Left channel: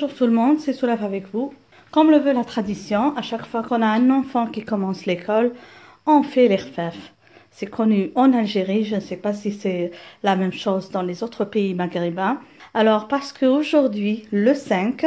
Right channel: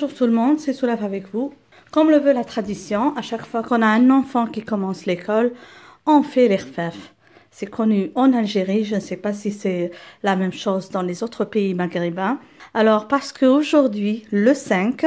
Bonjour tout le monde, c'est Soulaf avec vous. Comme le veut la tradition, à chaque fois qu'on a un enfant qui commence l'école, on fait l'irfaf. C'est connu en Algérie, je ne sais pas si c'est la même chose dans les autres pays maghrébins. Alors parce qu'aujourd'hui, le 5,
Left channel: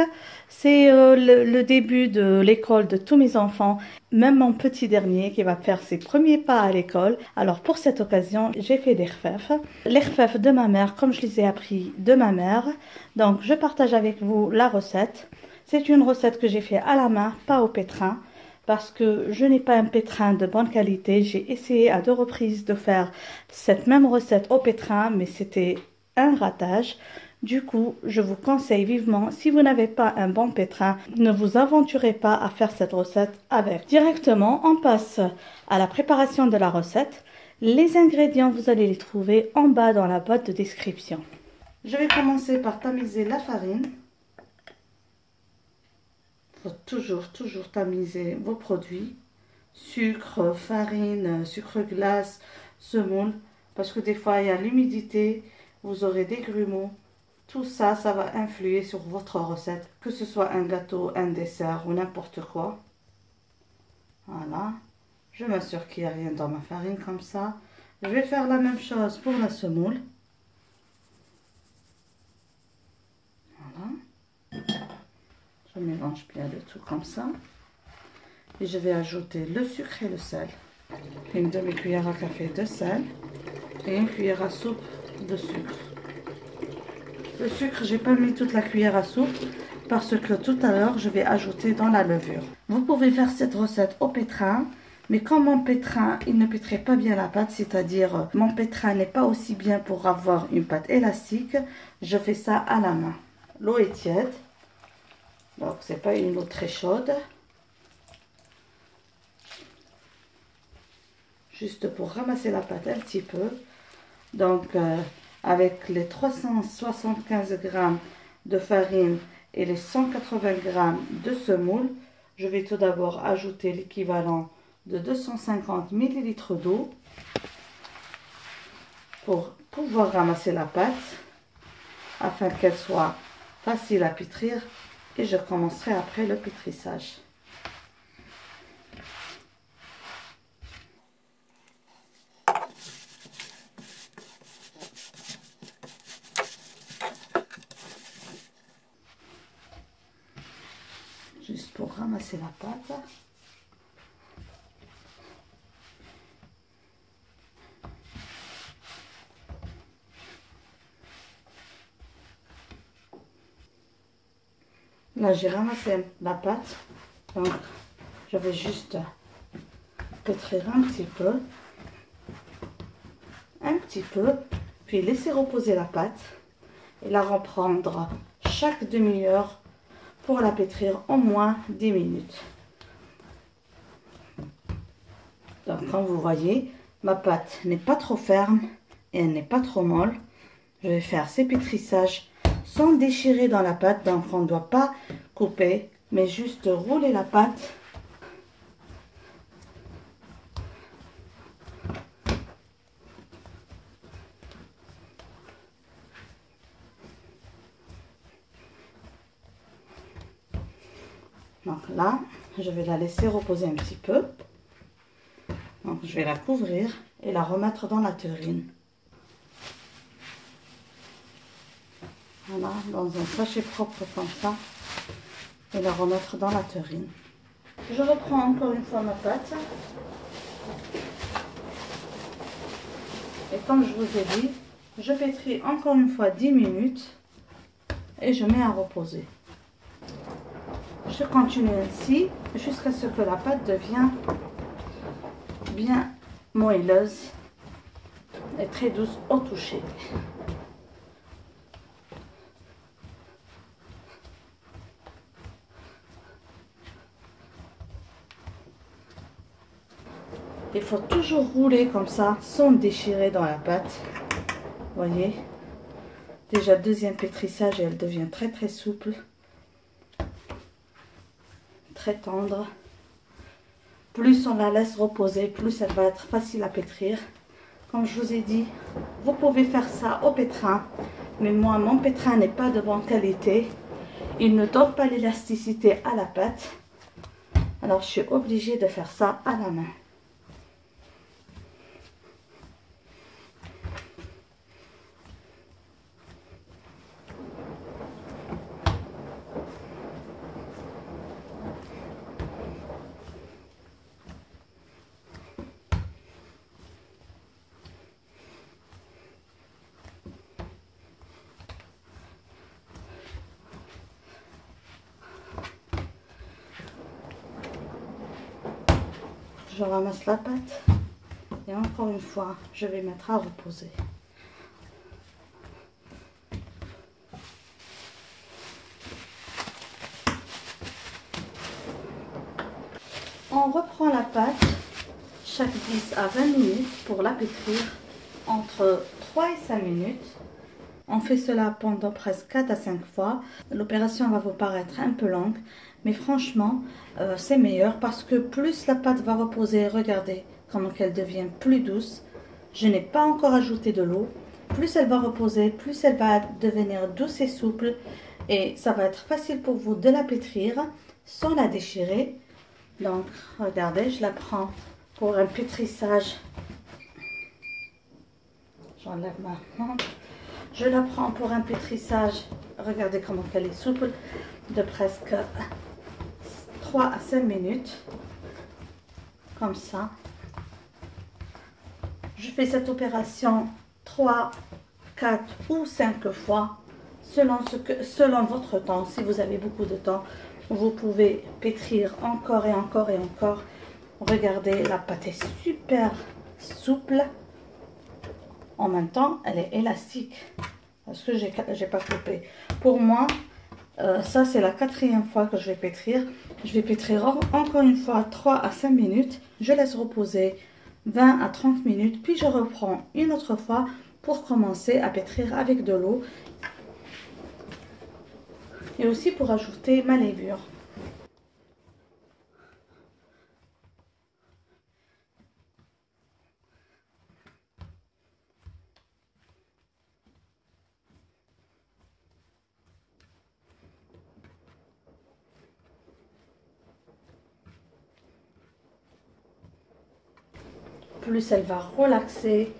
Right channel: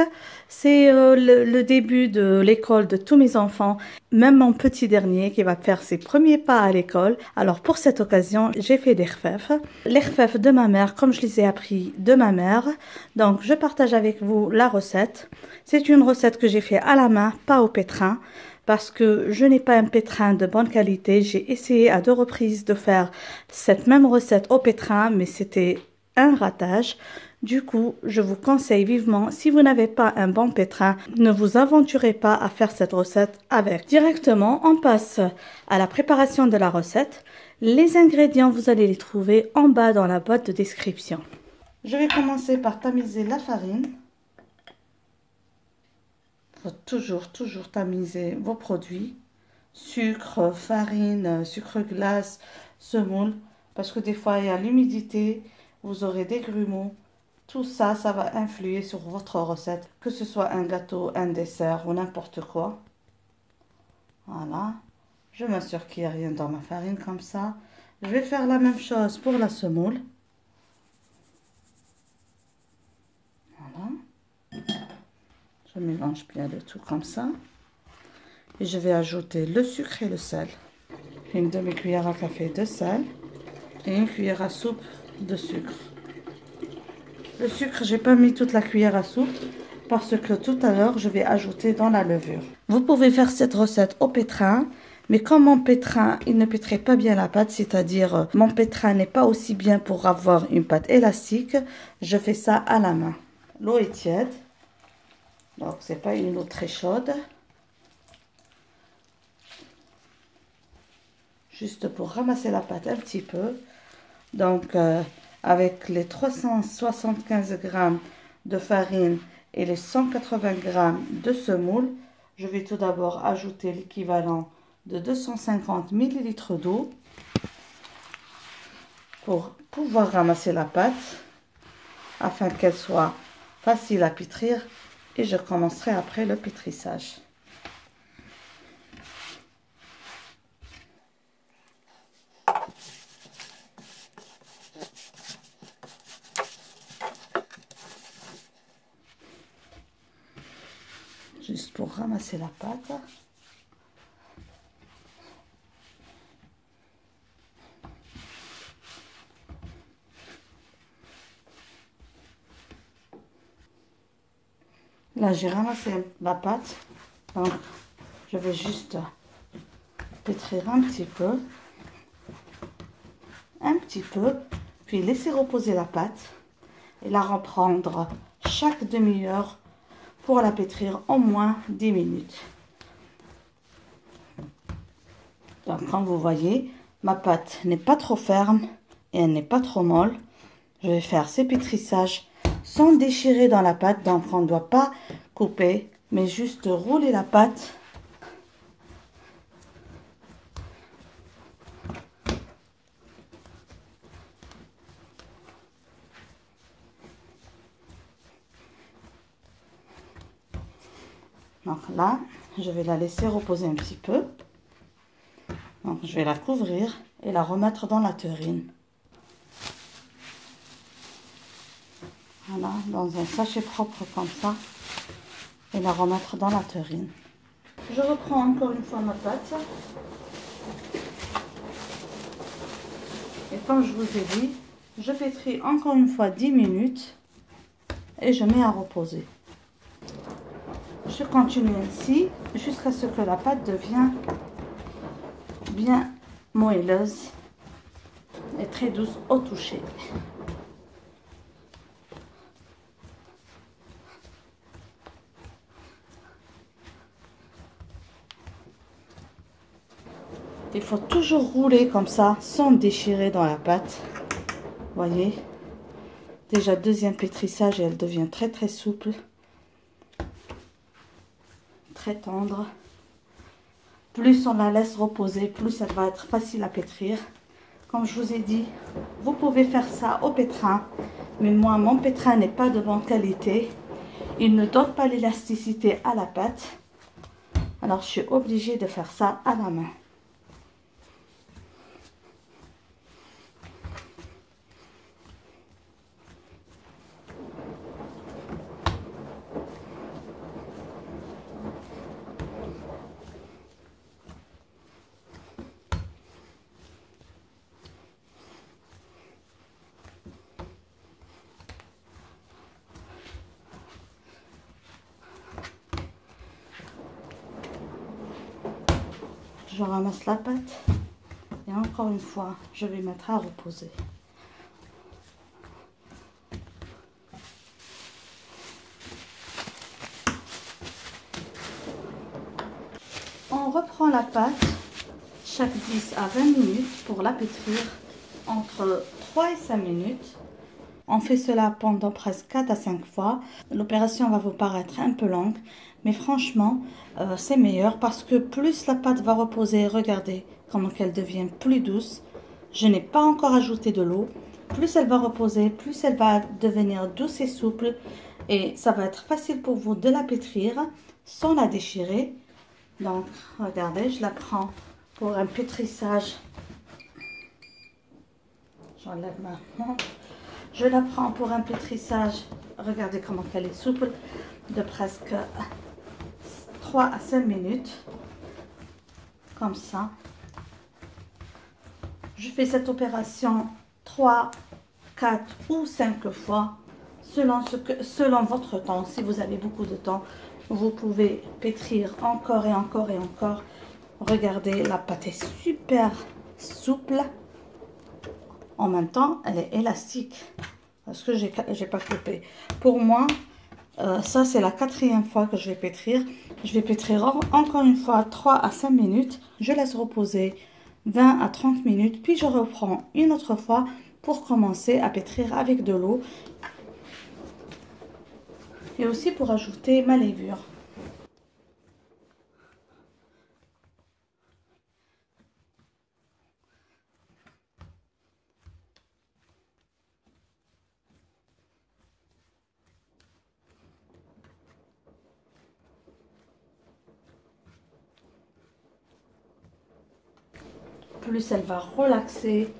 c'est le début de l'école de tous mes enfants, même mon petit dernier qui va faire ses premiers pas à l'école. Alors pour cette occasion, j'ai fait l'irfaf. L'irfaf de ma mère, comme je les ai appris de ma mère. Donc je partage avec vous la recette. C'est une recette que j'ai fait à la main, pas au pétrin, parce que je n'ai pas un pétrin de bonne qualité. J'ai essayé à 2 reprises de faire cette même recette au pétrin, mais c'était un ratage. Du coup, je vous conseille vivement, si vous n'avez pas un bon pétrin, ne vous aventurez pas à faire cette recette avec. Directement, on passe à la préparation de la recette. Les ingrédients, vous allez les trouver en bas dans la boîte de description. Je vais commencer par tamiser la farine. Il faut toujours tamiser vos produits. Sucre, farine, sucre glace, semoule. Parce que des fois, il y a l'humidité, vous aurez des grumeaux. Tout ça, ça va influer sur votre recette, que ce soit un gâteau, un dessert ou n'importe quoi. Voilà. Je m'assure qu'il n'y a rien dans ma farine comme ça. Je vais faire la même chose pour la semoule. Voilà. Je mélange bien le tout comme ça. Et je vais ajouter le sucre et le sel. Une demi-cuillère à café de sel et une cuillère à soupe de sucre. Le sucre, j'ai pas mis toute la cuillère à soupe parce que tout à l'heure, je vais ajouter dans la levure. Vous pouvez faire cette recette au pétrin, mais comme mon pétrin, il ne pétrait pas bien la pâte, c'est-à-dire mon pétrin n'est pas aussi bien pour avoir une pâte élastique, je fais ça à la main. L'eau est tiède, donc c'est pas une eau très chaude. Juste pour ramasser la pâte un petit peu. Donc, avec les 375 g de farine et les 180 g de semoule, je vais tout d'abord ajouter l'équivalent de 250 ml d'eau pour pouvoir ramasser la pâte afin qu'elle soit facile à pétrir, et je commencerai après le pétrissage. Juste pour ramasser la pâte. Là, j'ai ramassé la pâte. Donc, je vais juste pétrir un petit peu, puis laisser reposer la pâte et la reprendre chaque demi-heure pour la pétrir au moins 10 minutes. Donc comme vous voyez, ma pâte n'est pas trop ferme et elle n'est pas trop molle. Je vais faire ces pétrissages sans déchirer dans la pâte, donc on ne doit pas couper, mais juste rouler la pâte. Donc là, je vais la laisser reposer un petit peu. Donc je vais la couvrir et la remettre dans la terrine. Voilà, dans un sachet propre comme ça. Et la remettre dans la terrine. Je reprends encore une fois ma pâte. Et comme je vous ai dit, je pétris encore une fois 10 minutes. Et je mets à reposer. Je continue ainsi jusqu'à ce que la pâte devienne bien moelleuse et très douce au toucher. Il faut toujours rouler comme ça sans déchirer dans la pâte. Voyez, déjà deuxième pétrissage et elle devient très souple. Très tendre. Plus on la laisse reposer, plus elle va être facile à pétrir. Comme je vous ai dit, vous pouvez faire ça au pétrin, mais moi mon pétrin n'est pas de bonne qualité il ne donne pas l'élasticité à la pâte. Alors je suis obligée de faire ça à la main. Je ramasse la pâte et encore une fois, je vais mettre à reposer. On reprend la pâte chaque 10 à 20 minutes pour la pétrir entre 3 et 5 minutes. On fait cela pendant presque 4 à 5 fois. L'opération va vous paraître un peu longue, mais franchement, c'est meilleur parce que plus la pâte va reposer, regardez comment elle devient plus douce. Je n'ai pas encore ajouté de l'eau. Plus elle va reposer, plus elle va devenir douce et souple. Et ça va être facile pour vous de la pétrir sans la déchirer. Donc, regardez, je la prends pour un pétrissage. J'enlève ma main. Je la prends pour un pétrissage, regardez comment elle est souple, de presque 3 à 5 minutes, comme ça. Je fais cette opération 3, 4 ou 5 fois, selon votre temps. Si vous avez beaucoup de temps, vous pouvez pétrir encore et encore et encore. Regardez, la pâte est super souple. En même temps, elle est élastique. Parce que j'ai pas coupé. Pour moi, ça c'est la 4e fois que je vais pétrir. Je vais pétrir encore une fois 3 à 5 minutes. Je laisse reposer 20 à 30 minutes. Puis je reprends une autre fois pour commencer à pétrir avec de l'eau. Et aussi pour ajouter ma levure. Plus elle va relaxer,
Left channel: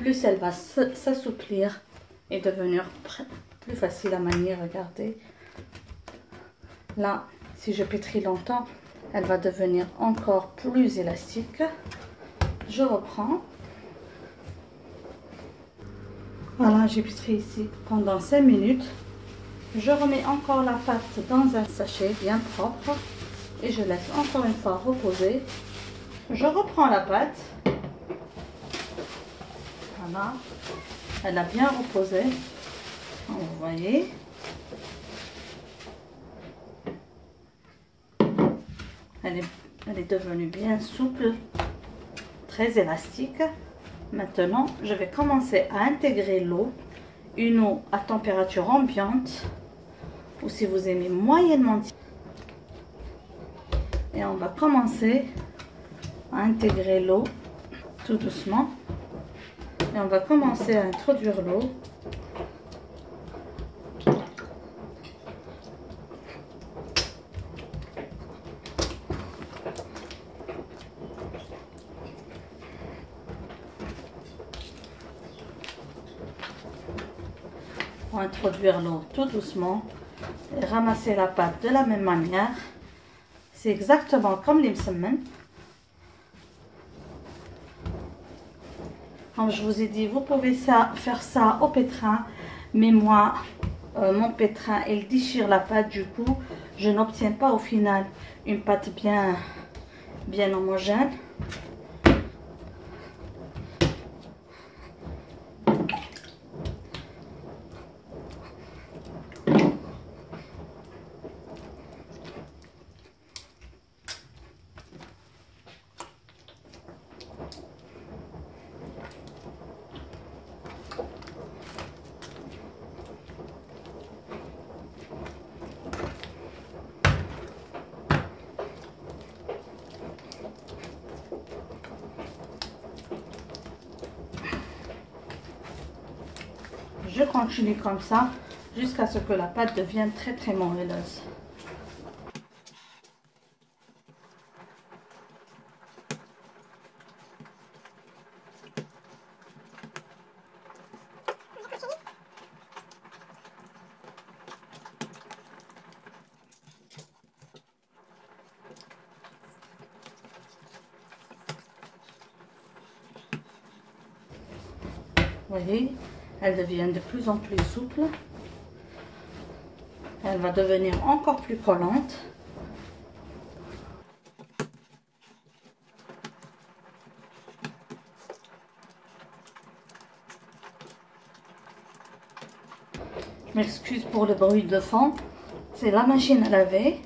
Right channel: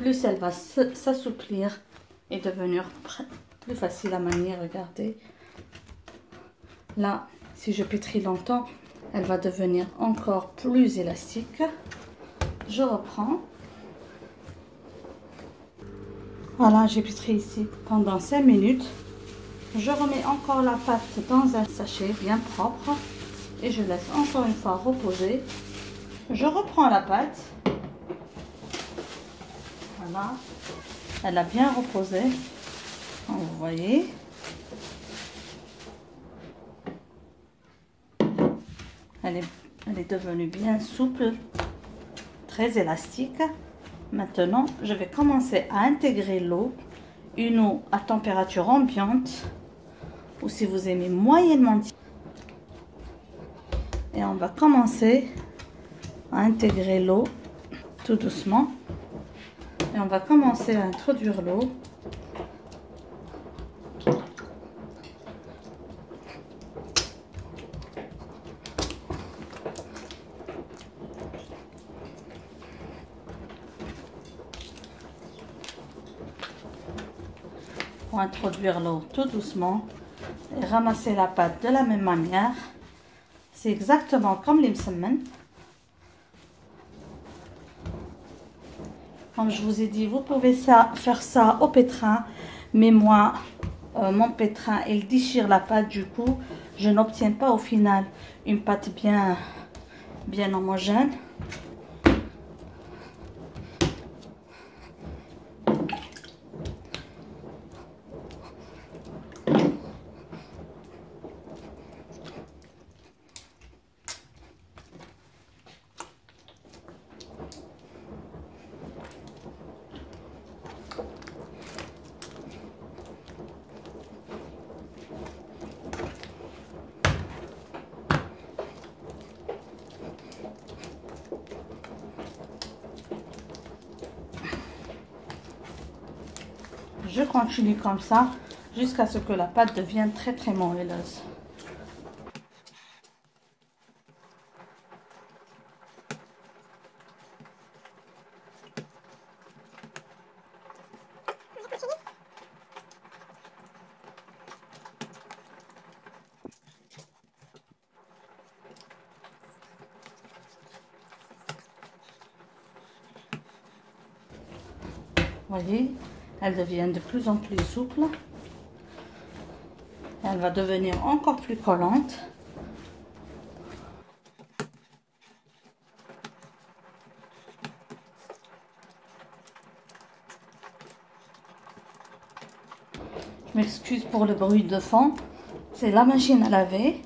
plus elle va s'assouplir et devenir plus facile à manier. Regardez. Là, si je pétris longtemps, elle va devenir encore plus élastique. Je reprends. Voilà, j'ai pétri ici pendant 5 minutes. Je remets encore la pâte dans un sachet bien propre et je laisse encore une fois reposer. Je reprends la pâte. Voilà, elle a bien reposé, donc, vous voyez. Elle est devenue bien souple, très élastique. Maintenant, je vais commencer à intégrer l'eau, une eau à température ambiante, ou si vous aimez moyennement. Et on va commencer à intégrer l'eau tout doucement. Et on va commencer à introduire l'eau. On va introduire l'eau tout doucement et ramasser la pâte de la même manière. C'est exactement comme les msemen. Comme je vous ai dit, vous pouvez faire ça au pétrin, mais moi, mon pétrin, il déchire la pâte, du coup, je n'obtiens pas au final une pâte bien homogène. Je continue comme ça jusqu'à ce que la pâte devienne très moelleuse. Vous voyez, elle devient de plus en plus souple. Elle va devenir encore plus collante. Je m'excuse pour le bruit de fond. C'est la machine à laver.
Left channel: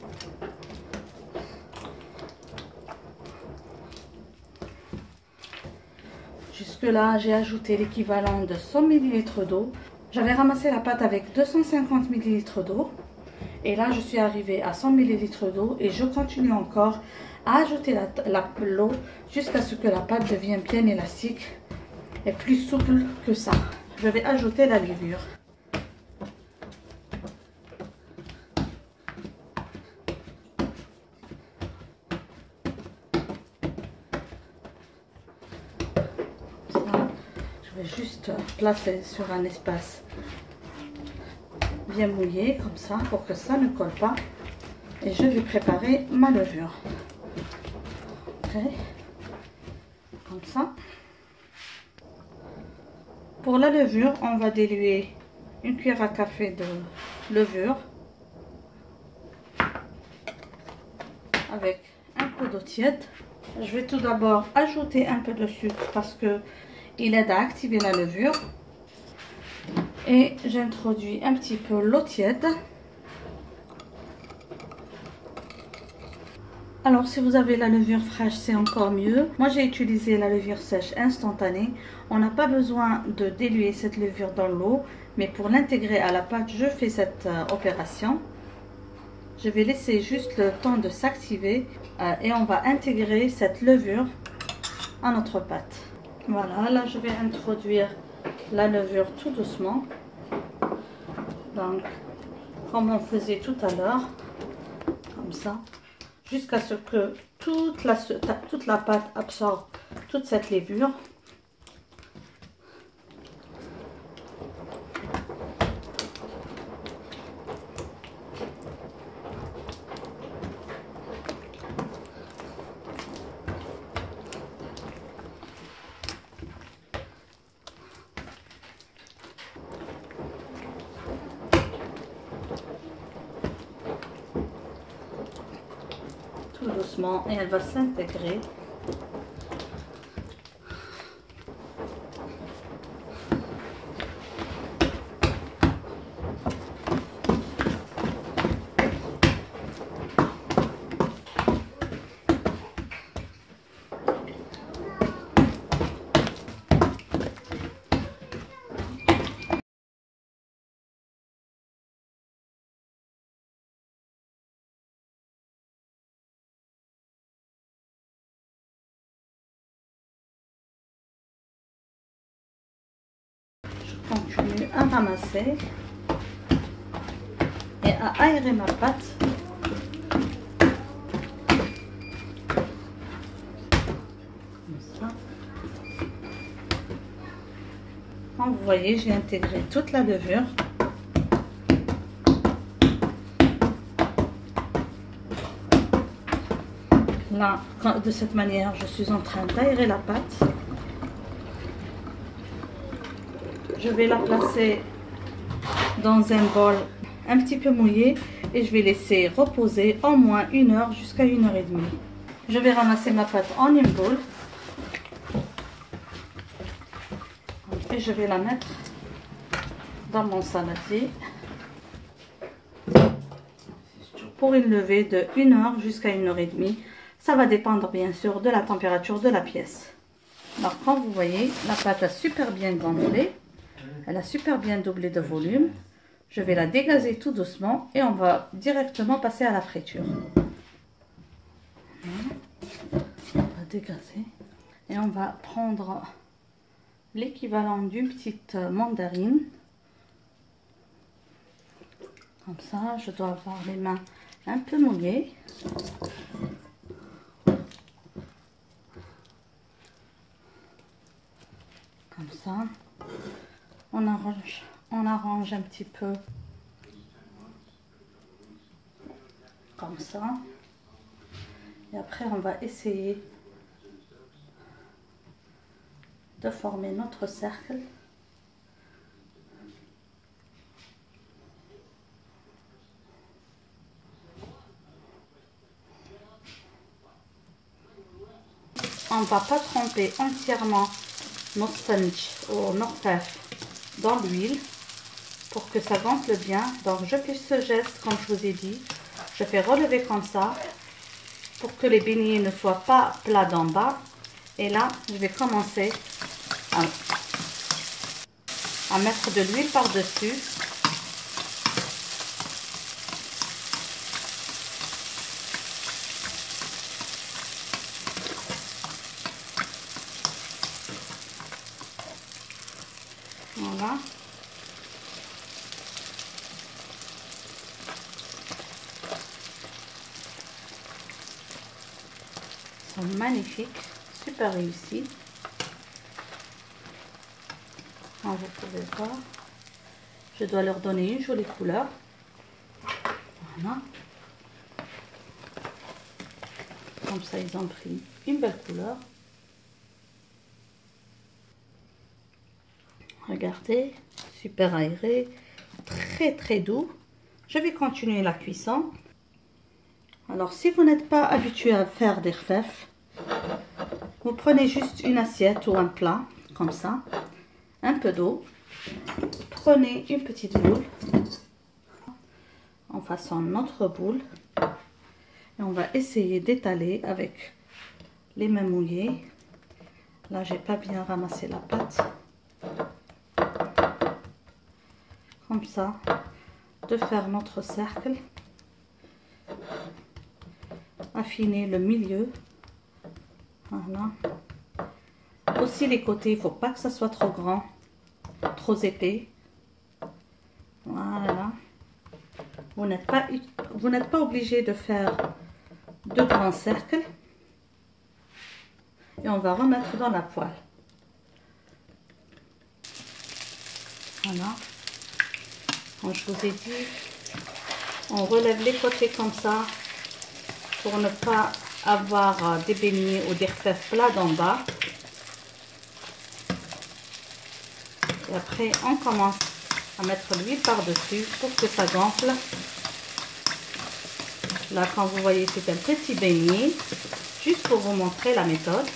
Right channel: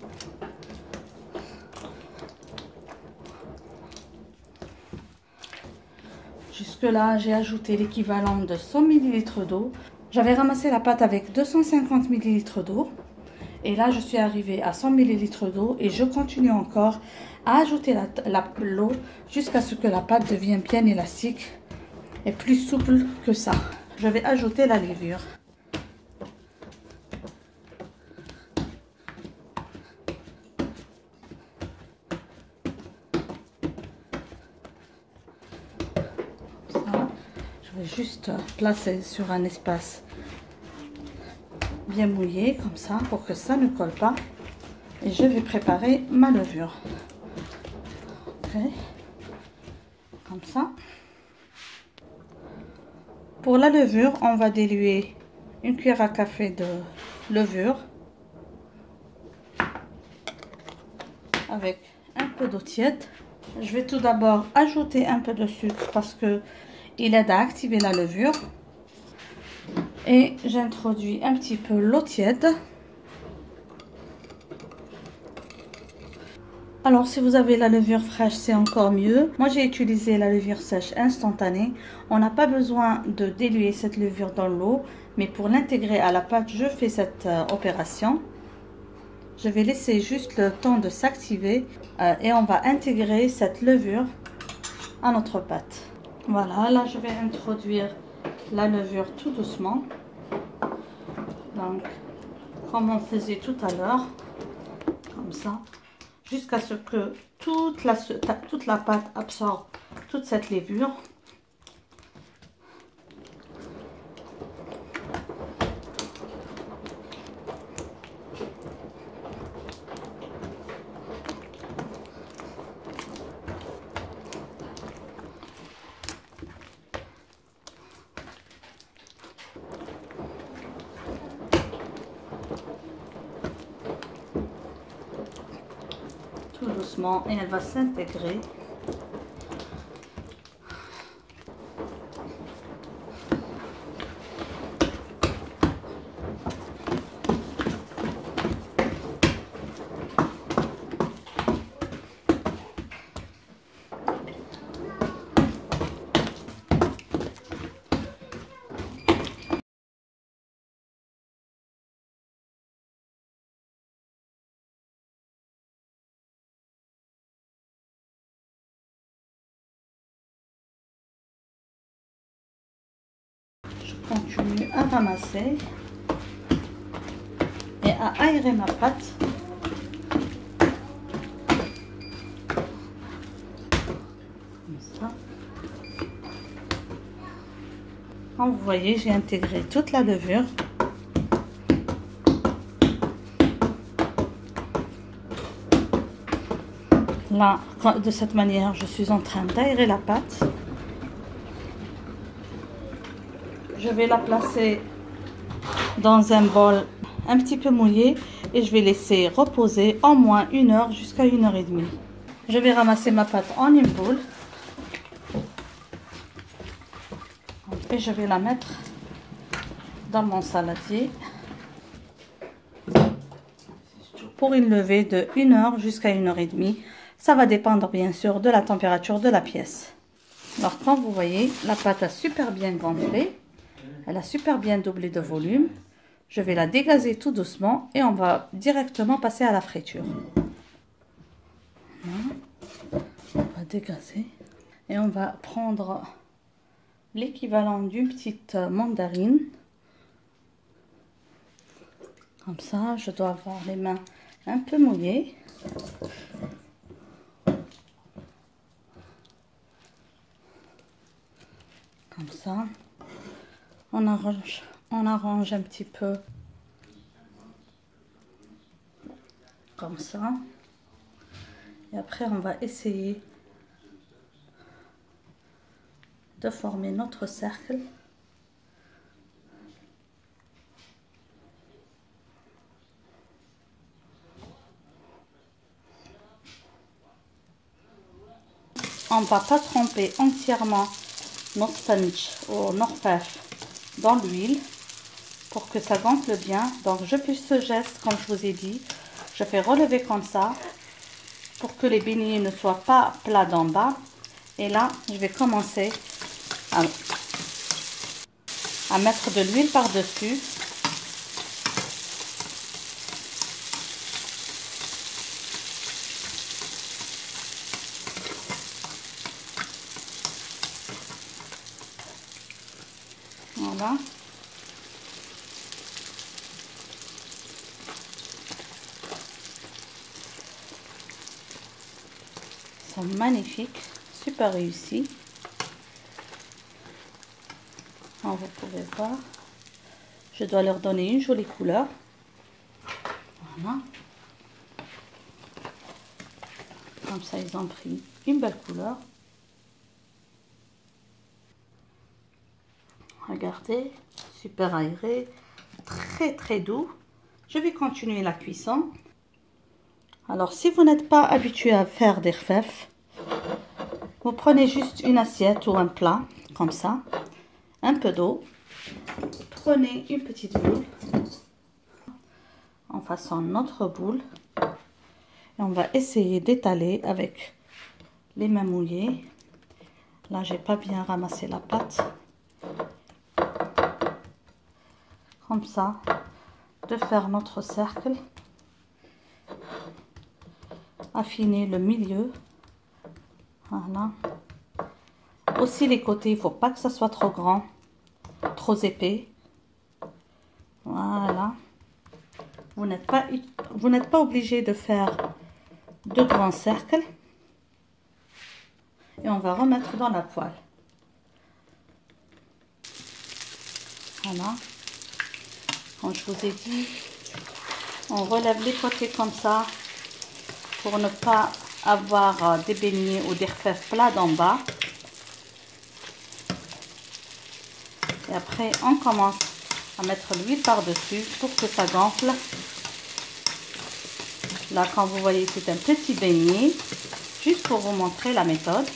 Jusque-là, j'ai ajouté l'équivalent de 100 ml d'eau. J'avais ramassé la pâte avec 250 ml d'eau. Et là, je suis arrivée à 100 ml d'eau. Et je continue encore à ajouter l'eau jusqu'à ce que la pâte devienne bien élastique et plus souple que ça. Je vais ajouter la levure. Je vais juste placer sur un espace bien mouillé comme ça pour que ça ne colle pas. Et je vais préparer ma levure. Okay. Comme ça. Pour la levure, on va diluer une cuillère à café de levure avec un peu d'eau tiède. Je vais tout d'abord ajouter un peu de sucre parce que il aide à activer la levure. Et j'introduis un petit peu l'eau tiède. Alors si vous avez la levure fraîche, c'est encore mieux. Moi j'ai utilisé la levure sèche instantanée. On n'a pas besoin de diluer cette levure dans l'eau, mais pour l'intégrer à la pâte, je fais cette opération. Je vais laisser juste le temps de s'activer et on va intégrer cette levure à notre pâte. Voilà, là je vais introduire la levure tout doucement. Donc, comme on faisait tout à l'heure, comme ça, jusqu'à ce que toute la pâte absorbe toute cette levure. Tout doucement, et elle va s'intégrer. Continue à ramasser et à aérer ma pâte. Comme ça. Comme vous voyez, j'ai intégré toute la levure. Là, de cette manière, je suis en train d'aérer la pâte. Je vais la placer dans un bol un petit peu mouillé et je vais laisser reposer au moins 1 heure jusqu'à 1 heure et demie. Je vais ramasser ma pâte en une boule et je vais la mettre dans mon saladier pour une levée de 1 heure jusqu'à 1 heure et demie. Ça va dépendre bien sûr de la température de la pièce. Alors comme vous voyez, la pâte a super bien gonflé. Elle a super bien doublé de volume. Je vais la dégazer tout doucement et on va directement passer à la friture. Voilà. On va dégazer et on va prendre l'équivalent d'une petite mandarine Comme ça, je dois avoir les mains un peu mouillées. Comme ça, on arrange un petit peu. Comme ça. Et après, on va essayer de former notre cercle. On ne va pas tremper entièrement nos sponges ou nos fèves dans l'huile pour que ça gonfle bien. Donc je fais ce geste comme je vous ai dit. Je fais relever comme ça pour que les beignets ne soient pas plats d'en bas. Et là, je vais commencer à mettre de l'huile par-dessus. Voilà. Ils sont magnifiques, super réussis. Comme vous pouvez voir, je dois leur donner une jolie couleur. Voilà. Comme ça, ils ont pris une belle couleur. Regardez, super aéré, très doux. Je vais continuer la cuisson. Alors, si vous n'êtes pas habitué à faire des rfèfs, vous prenez juste une assiette ou un plat, comme ça, un peu d'eau. Prenez une petite boule, on façonne notre boule et on va essayer d'étaler avec les mains mouillées. Là, j'ai pas bien ramassé la pâte. Comme ça, de faire notre cercle. Affiner le milieu. Voilà. Aussi les côtés, il ne faut pas que ça soit trop grand, trop épais. Voilà. Vous n'êtes pas obligé de faire de grands cercles. Et on va remettre dans la poêle. Voilà. Comme je vous ai dit, on relève les côtés comme ça pour ne pas avoir des beignets ou des rfèfs plats d'en bas. Et après, on commence à mettre l'huile par-dessus pour que ça gonfle. Là, quand vous voyez, c'est un petit beignet, juste pour vous montrer la méthode.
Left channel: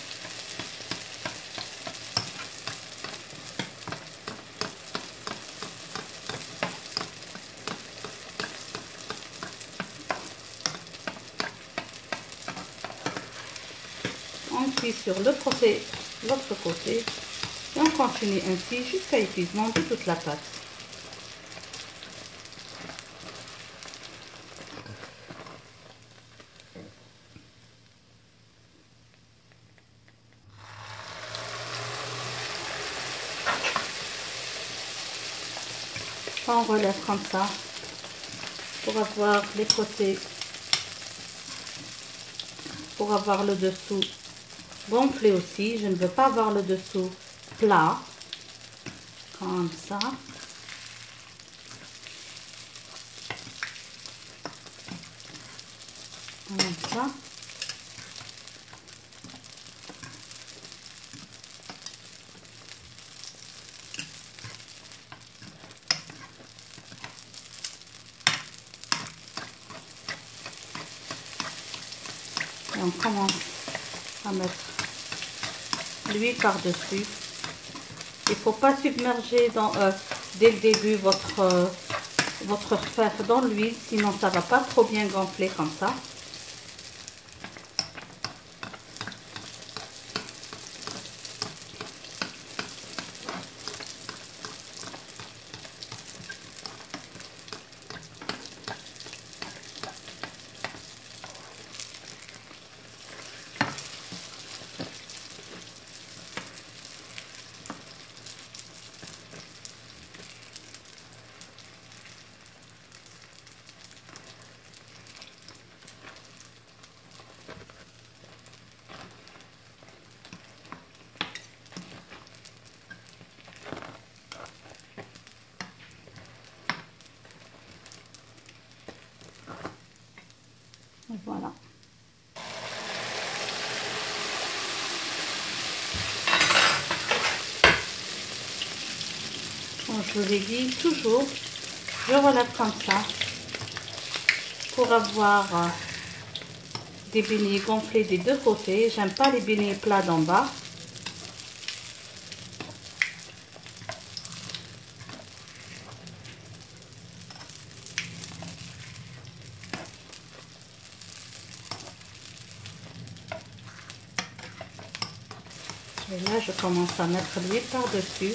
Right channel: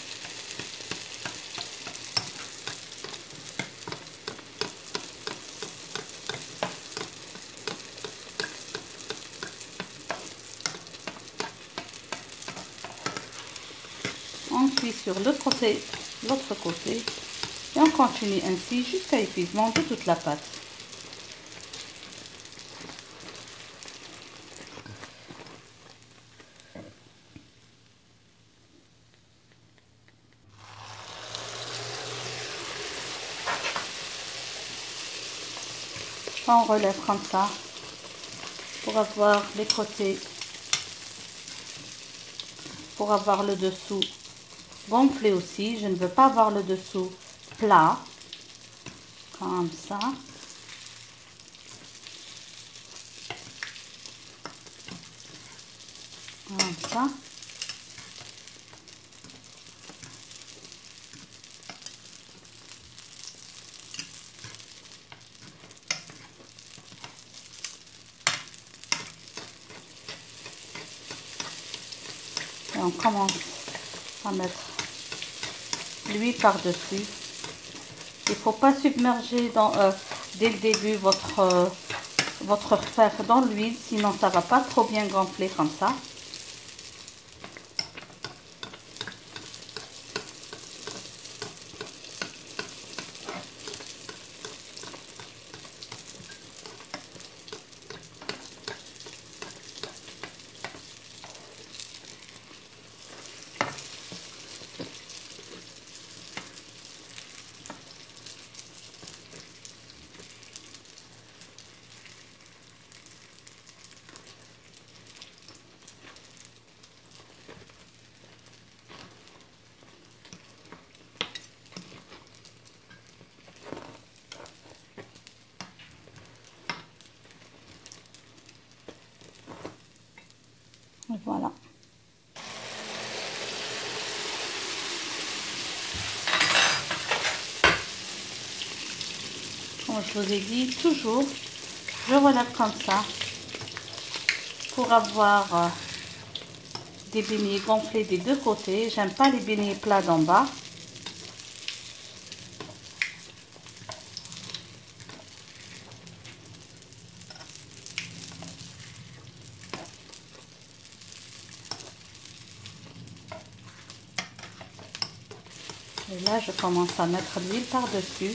On cuit sur l'autre côté et on continue ainsi jusqu'à l'épuisement de toute la pâte. On relève comme ça pour avoir les côtés, pour avoir le dessous gonflé aussi. Je ne veux pas avoir le dessous plat, comme ça. Comme ça. Et on commence à mettre l'huile par-dessus. Il ne faut pas submerger dès le début votre rfèf dans l'huile, sinon ça ne va pas trop bien gonfler comme ça. Voilà. Comme je vous ai dit, toujours, je relève comme ça pour avoir des beignets gonflés des deux côtés. J'aime pas les beignets plats d'en bas. Et là, je commence à mettre l'huile par-dessus.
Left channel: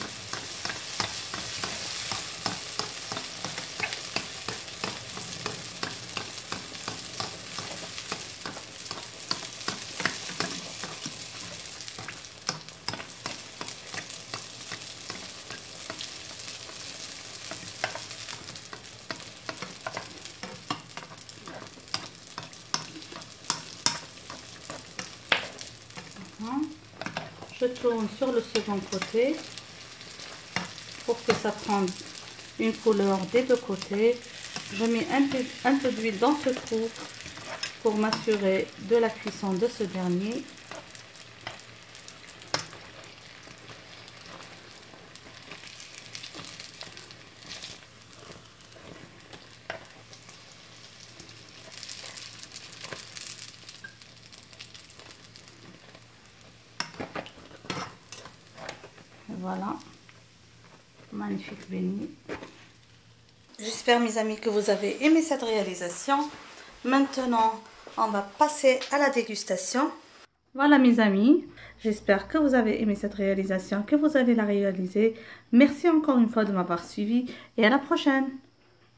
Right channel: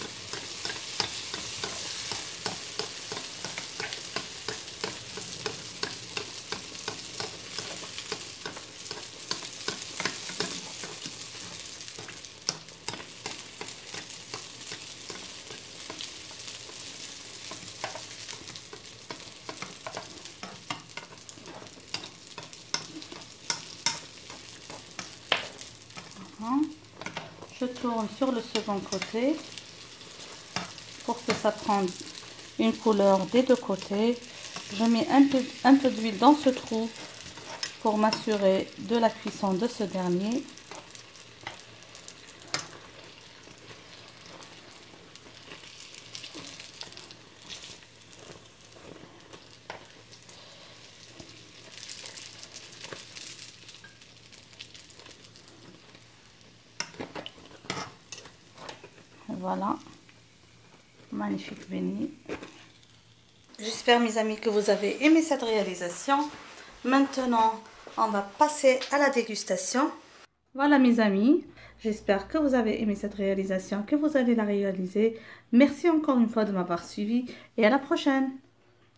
Je tourne sur le second côté pour que ça prenne une couleur des deux côtés. Je mets un peu d'huile dans ce trou pour m'assurer de la cuisson de ce dernier. Voilà, magnifique beignet. J'espère mes amis que vous avez aimé cette réalisation. Maintenant, on va passer à la dégustation. Voilà mes amis, j'espère que vous avez aimé cette réalisation, que vous allez la réaliser. Merci encore une fois de m'avoir suivi et à la prochaine.